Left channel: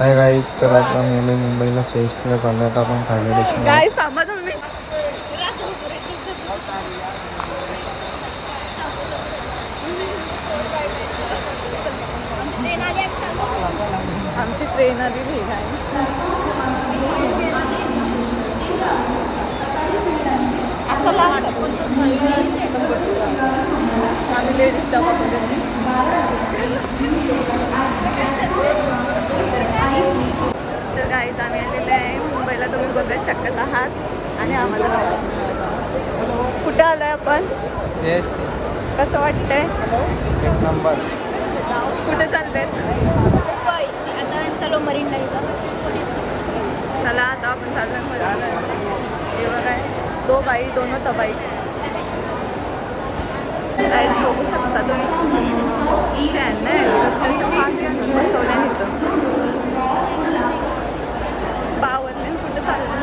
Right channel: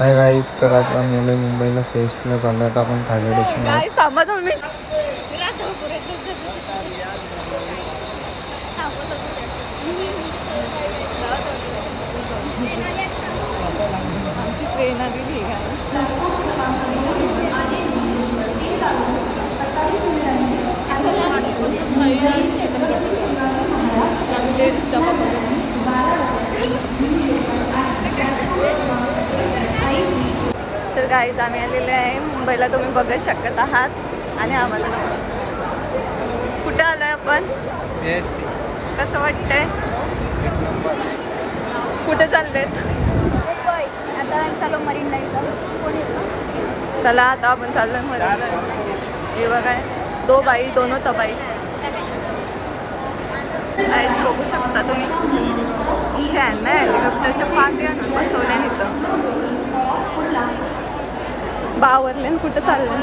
Hi guys, तर आता मी मुंबईला CSTला चाललो आहे. आपण खाली स्टेशन आमची ट्रेन आली गाईस. असं आम्ही लेडीजच्या तर गाईज आम्ही आलेले आहे मुंबईला, तुम्ही बघू शकत आहात. आणि हा माझा नवरा. कुठं आलोय आपण? कसं वाटतंय? कुठे चाललेत? आता चालू मरीन लाईनला. चला आता आपण चाललोय मरीन. हे बघा, दो बाई दोनो तबाई. गाईज बघू शकता तुम्ही, त्यांना हेलिकॉप्टरच्या पाठी आणून बसवल्या इथं. बावरने कुठं चाललंय?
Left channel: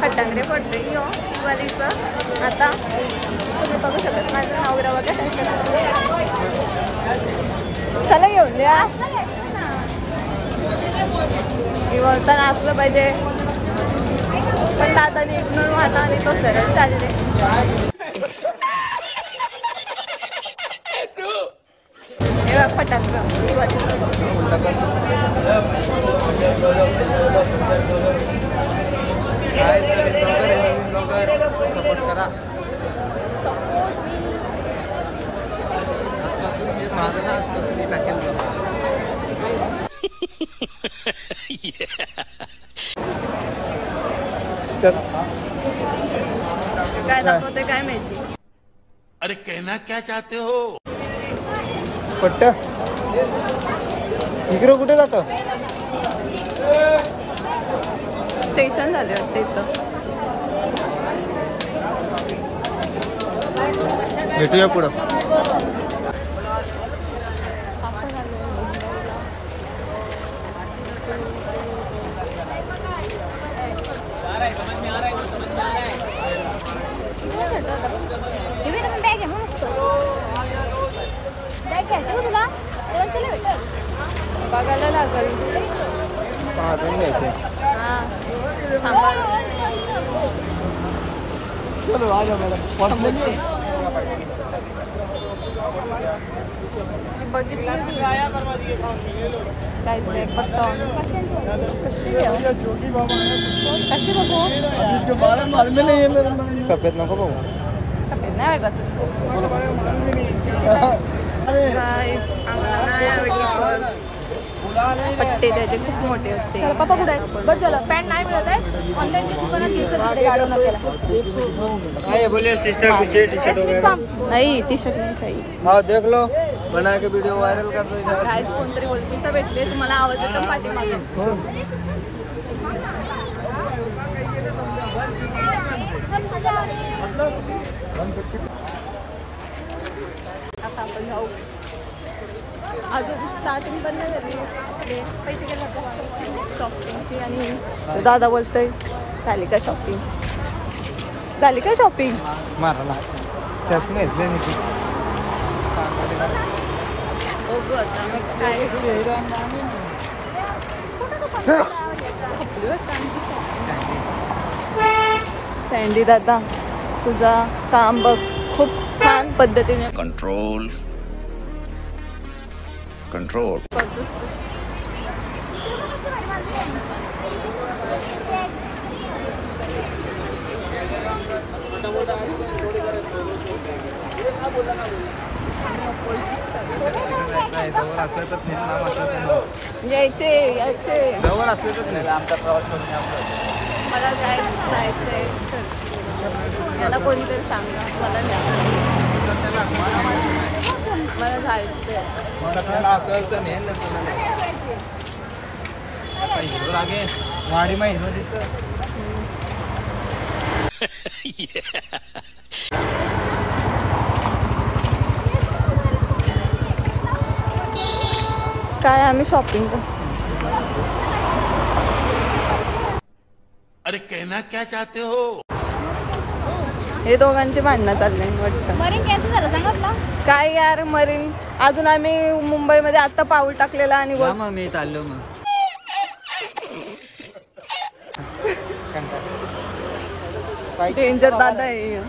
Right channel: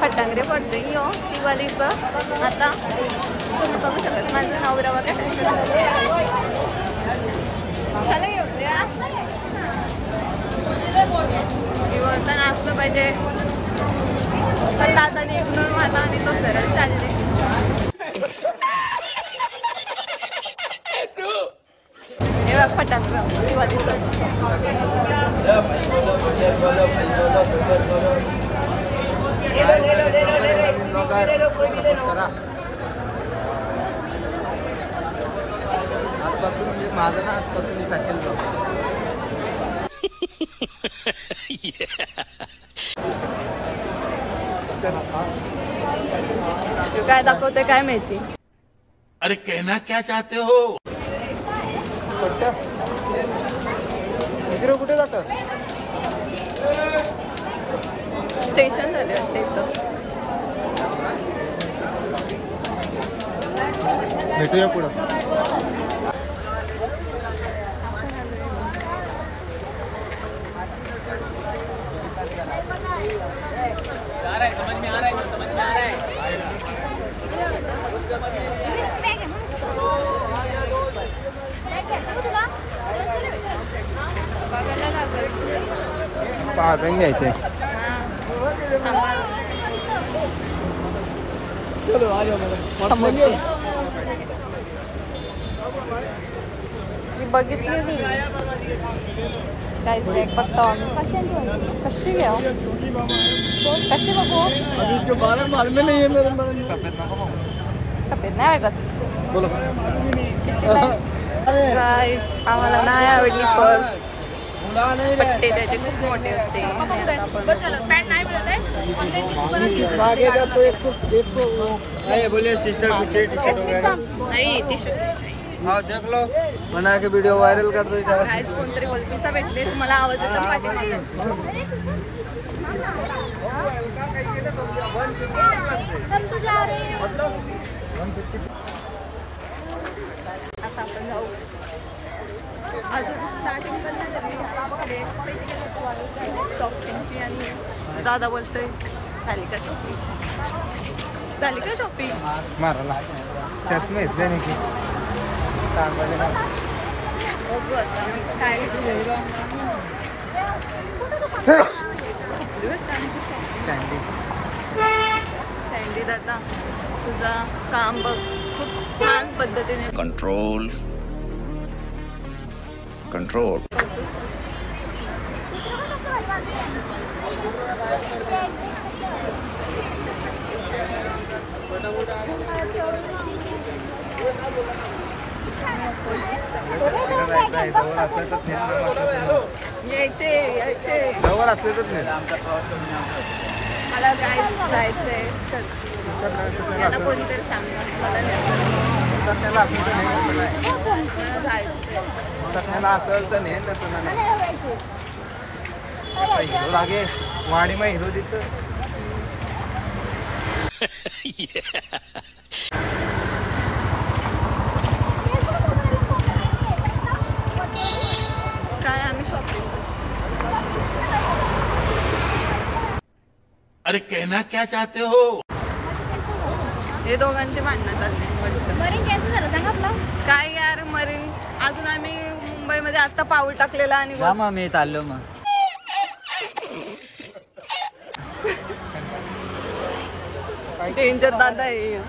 फटांगरे पडते यो दिवाळीचं. आता तुम्ही बघू शकत माझं नवरा वगैरे काय करत. चला घेऊन द्या. दिवाळीचं नाचलं पाहिजे, पण दादाने इग्नोर मारला आणि तो सरळ चालले. हे बघ फटांगरं दिवाळीचं. नवीन ब्लॉगर सपोर्ट करा. आजपासून मी माझं ना आजपासून मी टाकेल काय दाखवते काय माहिती. अरे कहना क्या चाहते हो? पट्ट इकडे कुठे जातो? स्टेशन झाले वाटतं इथं. भेटूया पुढं. आपण आलोय मुंबईला. बघायला लागेल. हा थांबा. समोरचे बघितलेली काय बॅग बघतो आम्ही. कशी घ्या, कशी बघू? सफेद नको भाऊ. सफेद नाही बघत. कितीला गाईस? आम्हाला नाही आवडली पर्स. पट्टे त्याचे खूप मोठे होते. पॅन्ट नाही मिळत आहे ऑनलाईन. नाही टी शर्ट नाही चाहिए. हाँ देख लो, बना के वीडियो वायरल कर दो. गाईस कोणतरी ओळखीचा भेटले, तुम्हाला आवाज येतो पाठीमागे. आता आपण जाऊ. अजून स्टार्टिंग पण नाही झाली शॉपिंगची. आणि दादा बोलतोय झाली का शॉपिंग? झाली का शॉपिंग? माराला चष्मा घेतले नाही की बघू आता काय आमची शॉपिंग. सँडी दादा तुझा काम बघ, खूप छान पद्धतीने कंट्रोल कंट्रोल करतोस. जवळ असलं तर नेल, नाम असलं तर नो. यायचे जवळ असले तर नेल. मला काय जायचंय मला कोणतरी सांगा. मला सध्याला असलं तर नेल, नाही मला जायचंय. सध्याला असेल तर नेल, नसलं नाही. हिरो लागे वाडी मा हिरो दिस. काय आम्ही शॉपिंग अरे कहना क्या चाहते हो? हे दोघांचे भांडणं चालले वाटतं. मरीन कॅन्सल झालं सांग आपला. काय यार मरीन, अजून आम्ही मुंबईमध्ये आता पाऊल टाकलेलं आणि मग मी चाललो मग. डेंजर दादा आहे.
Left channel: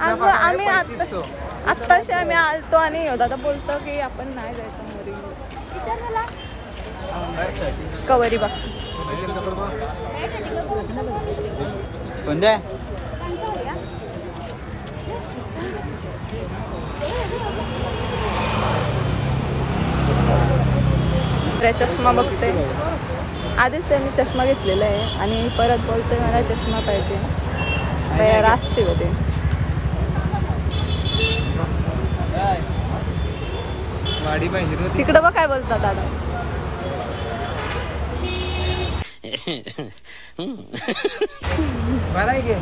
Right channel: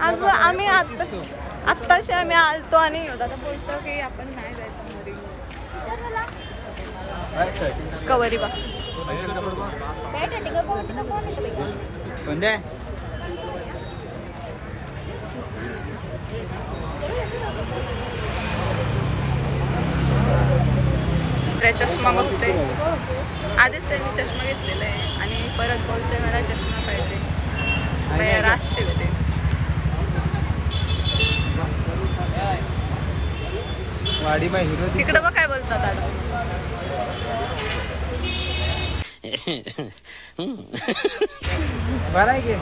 आज आम्ही आत्ताशी आम्ही आलतो आणि दादा बोलतो की आपण नाही जायचं मरीन. कवरी बघ चष्मा बघते. आधीच त्यांनी चष्मा घेतलेला आहे आणि परत बोलते मला चष्मा पाहिजे. राशी होते. तिकडं बघ काय बोलतात दादा. बरं आहे की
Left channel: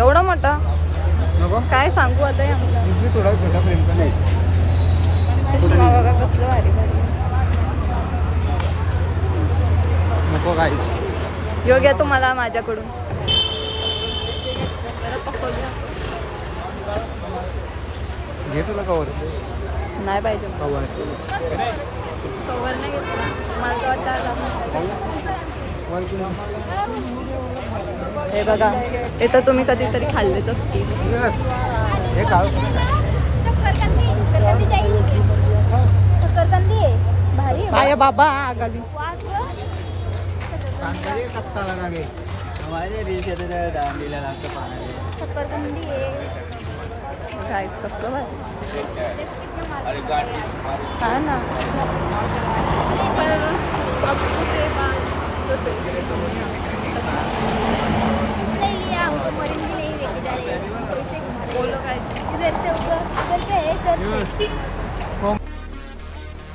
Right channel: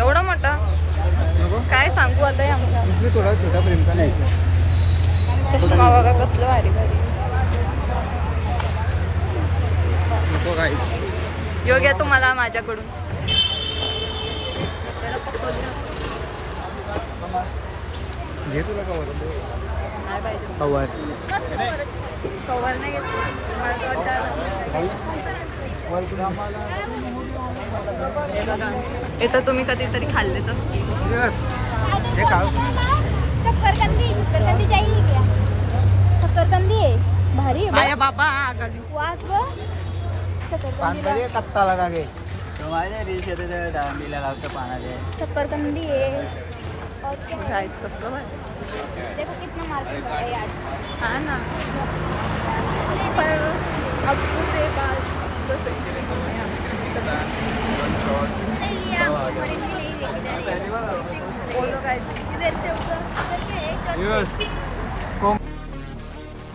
एवढा मोठा काय सांगू आता या मुला. थोडा छोटा प्रेम का नाही. चष्मा बघा कसलं भारी भारी. नको काय योग्य तुम्हाला माझ्याकडून घे तुला कवर. नाही पाहिजे कवर कवर नाही घेतला. मला तर वाटतं आज आपण काय घेतलं. हे बघा हे तर तुम्ही कधीतरी खाल्लेच असतील. हे काळ आया बाबा आगाली. पान पाहिजे कत्ताला का घे. माझ्या रील्स येतो त्या दांडीला लागतं पानाले. शक्करकंदी गाईच कसलं भारी. हा ना पर अब से बात तो सही है तुमने हमको मरीन भी नहीं लेके जा रहे. बोलो काय इधर से ऊपर क्या है चर्च.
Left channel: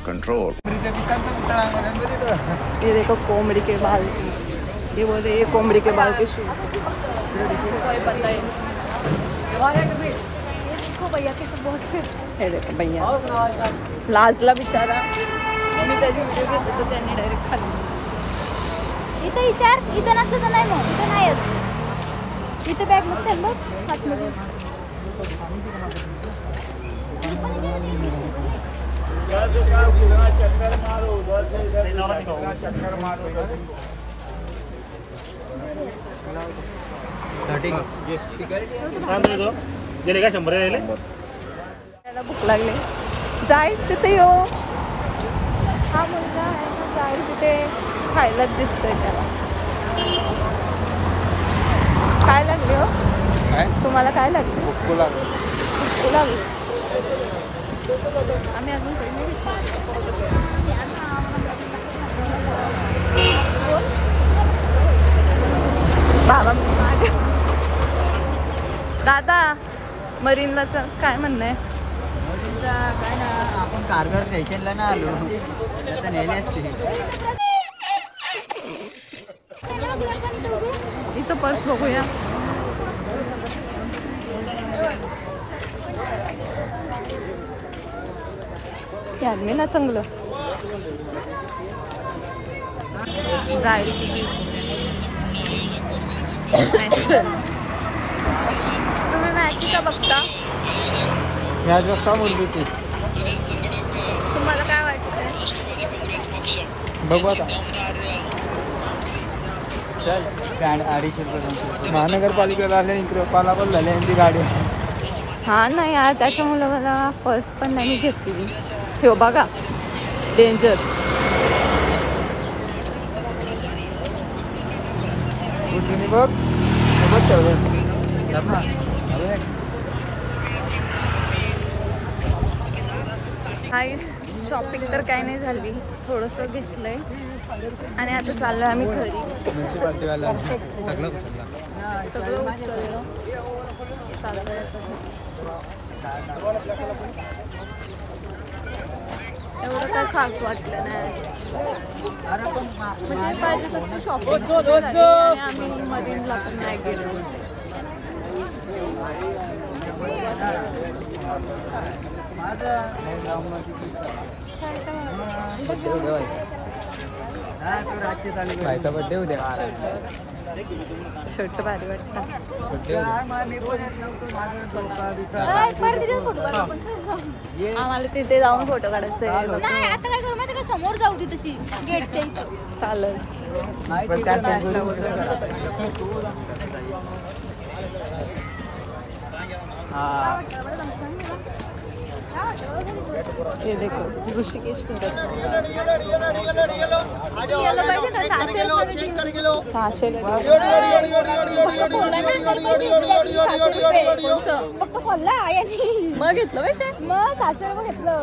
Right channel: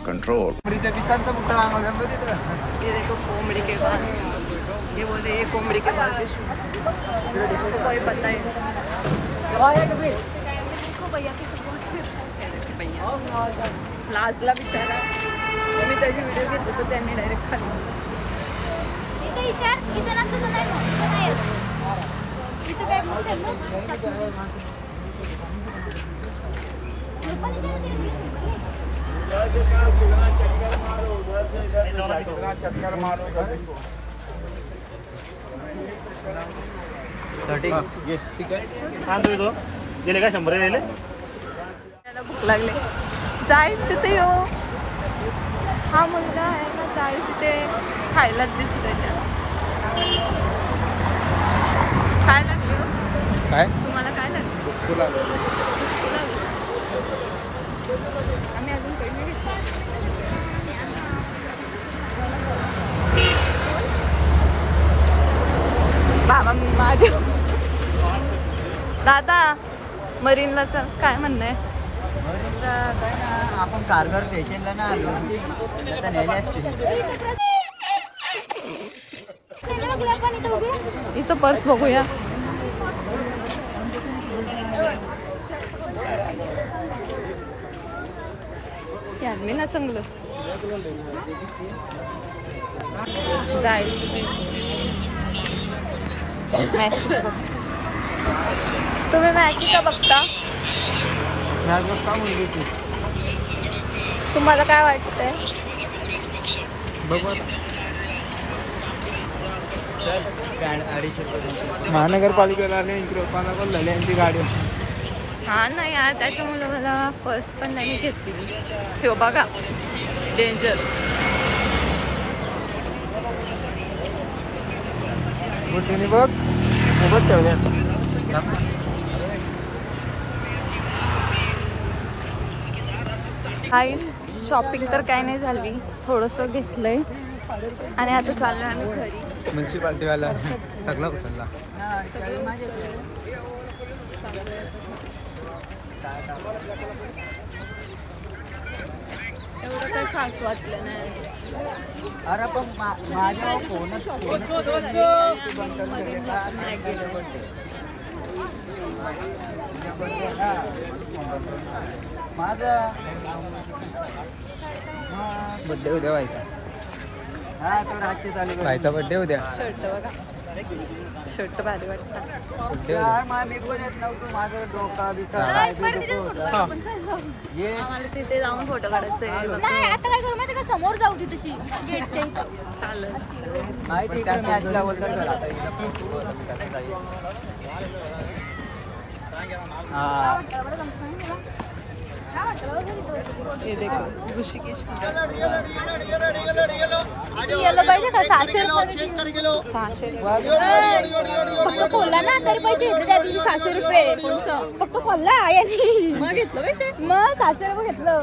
कंट्रोल. ये देखो कोमड़ी के बाल. ये बोले ये कोमड़ी के बाल के शूट. तो कोई पता है. देखो भैया कैसे बहुत हे देखो भैया लाजला बिचारा. मी त्याची व्हिडिओ घेतो तर त्यांनी डायरेक्ट खाली. इथे विचार इथे नसतो तर नाही मग इथे नाहीच. इथे बॅग नसते अंदर आतमध्ये. गेले का 100 गेले. त्याला भूक लागले. जाईल तिथे यो. हा मुलगा आहे ना जाईल तिथे खायलाच दिसतोय त्याला. काय लागले हो. काय तुम्हाला काय लागले. भूक लागली. भूक लागली. आम्ही अजून काही नाही घेतलं. बाबा माझ्या दादा मरीनला चल काय म्हणणं आहे. काय ना आपण कारगर स्टेशनला ना आलो आता नेले असते. इथं पर्स बघूया. मी ना चांगलं जाईल. तुम्ही मॅच का बघता. मॅच बघता मुलगीची. तुम्हाला काय वाटतंय. बघू आता. महानगरपालिकेला आले पालापल झाले यांची गाडी. हा ना यार त्याच्यामुळे मला फर्स्ट पण नाही मी घेतली. ठेव बघा डेंजर. हाय शॉपिंग तर काय नाही झाली. थोडंसं घेतलंय आणि आता चाललोय आम्ही घरी. म्युन्सिपाल्टीवाला सगळं उचलला. सगळं उचललं चाललोय आता घरी. एवढं काय खास वाटलं नाही. म्हणजे पाहिजे तसं शॉपिंग झाली आणि आम्ही मरीनला पण नाही गेलो. हा तो रातची चालू करायचा बड्डे उद्या. शर्ट भारी वाटतं. मी पण येत नव्हतो माझं परत तिथे फोटो काढू आपण. आम्हाला तिथे जाऊन फोटो काढायचे आहे. नाही आता काय करू माहिती का समोर जाऊ ती तशी गेटच्या इथं. चालेल. हे देखो ऋषिकेश कुंड 600 मग घेतलं पैसे मग 600 रुपये घेतलं.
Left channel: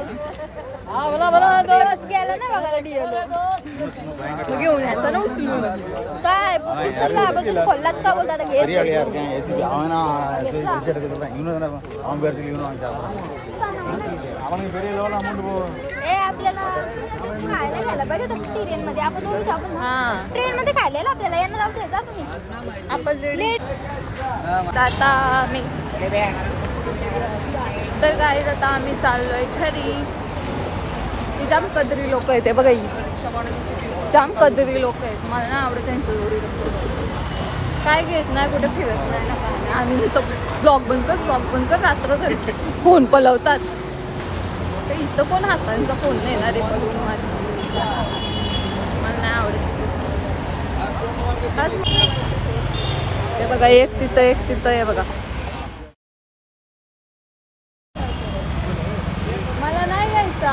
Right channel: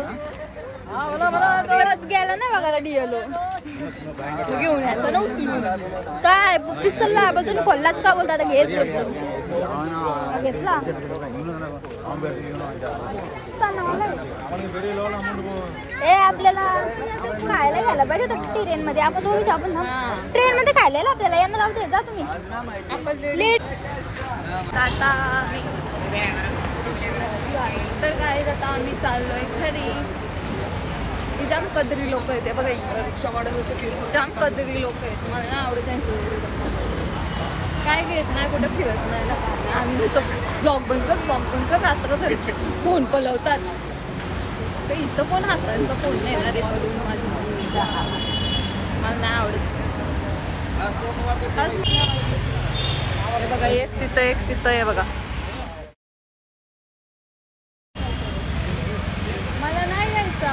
गेलं नाही बघायला डिएलो. मग घेऊन यायचं ना उचलून. काय पिस्तूल आपण तुम्ही खोललाच का बोलता आता घेत ए आपल्याला खायला घ्यायला पाहिजे होतं ट्रेनमध्ये. आपण हा ट्रेनमध्ये खायला आपल्याला यांना नाव देता तुम्ही. आपण आता मी तर काय आता आम्ही चाललोय घरी. ही जाम कदरी लोक आहेत बघा. ही जाम कदरी लोक आहेत. मला ना आवडत त्यांचं एवढी काय घेत नाही कुठे फिरत नाही ना काय नाही. आम्ही नुसतं ब्लॉग बंद कर रात्र झाली फोन पलवतात. तर इथं कोण हातांचा फोन नाही ना रे पलवून माझी. मला नाही आवडत. हे बघा एक तिथं आहे बघा. मला नाही यायचा.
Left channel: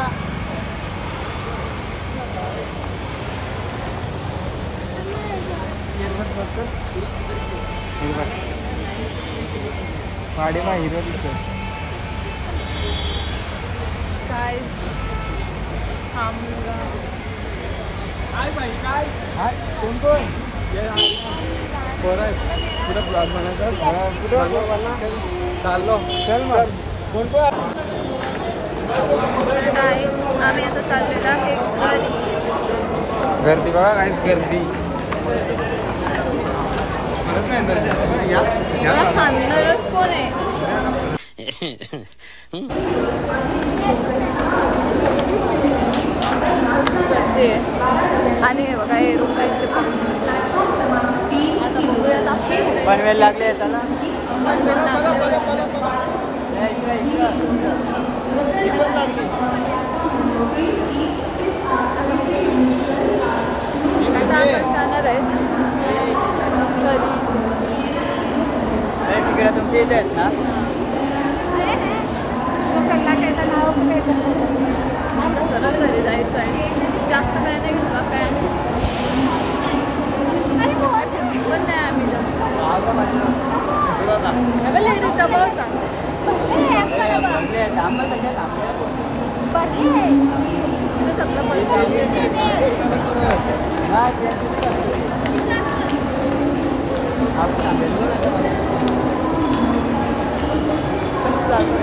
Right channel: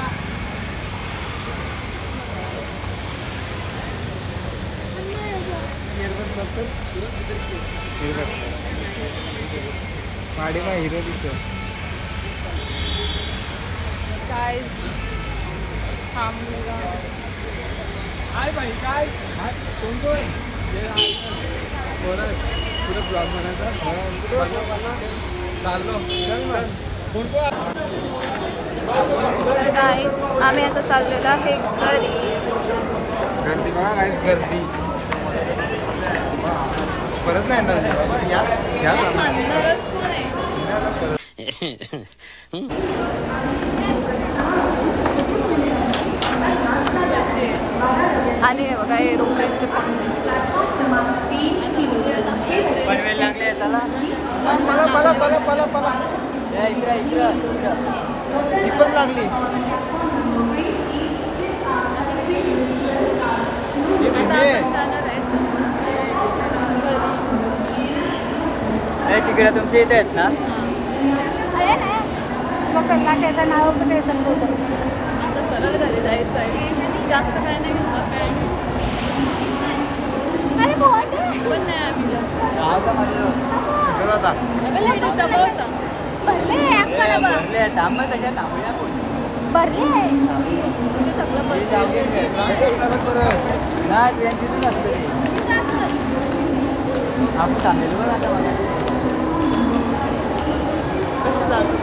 पाडीला हिरो दिसतो. काय हा मुलगा काय बाई काय कोण काय आम्ही आता चाललेलो आहे घरी. गर्दी बघा काहीच गर्दी परत नाही बाबा. या खाणारच कोण आहे. आणि हे बघा एरोप्लेनचे पंख. आता बघूयात आपल्याला पनवेल लागले त्याला. आता आपण जाणार आहे घरी. तिकडे तुमच्या इथे आहेत ना. आता सरळ घरी जायचं आहे. जास्त काय नाही घेतला पॅन्ट पण नाही आम्ही जास्त. लेडीज डबा होता. तिथे सगळं भरलं. कसे जातात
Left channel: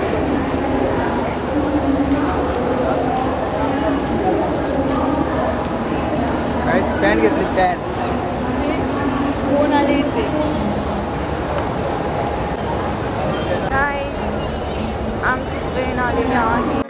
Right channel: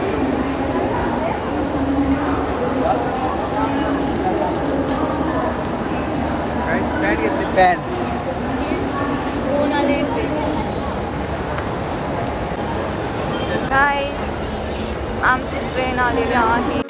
पॅन्ट घेतली पॅन्ट. कोण आले इथे. काय आमची ट्रेन आलेली आहे.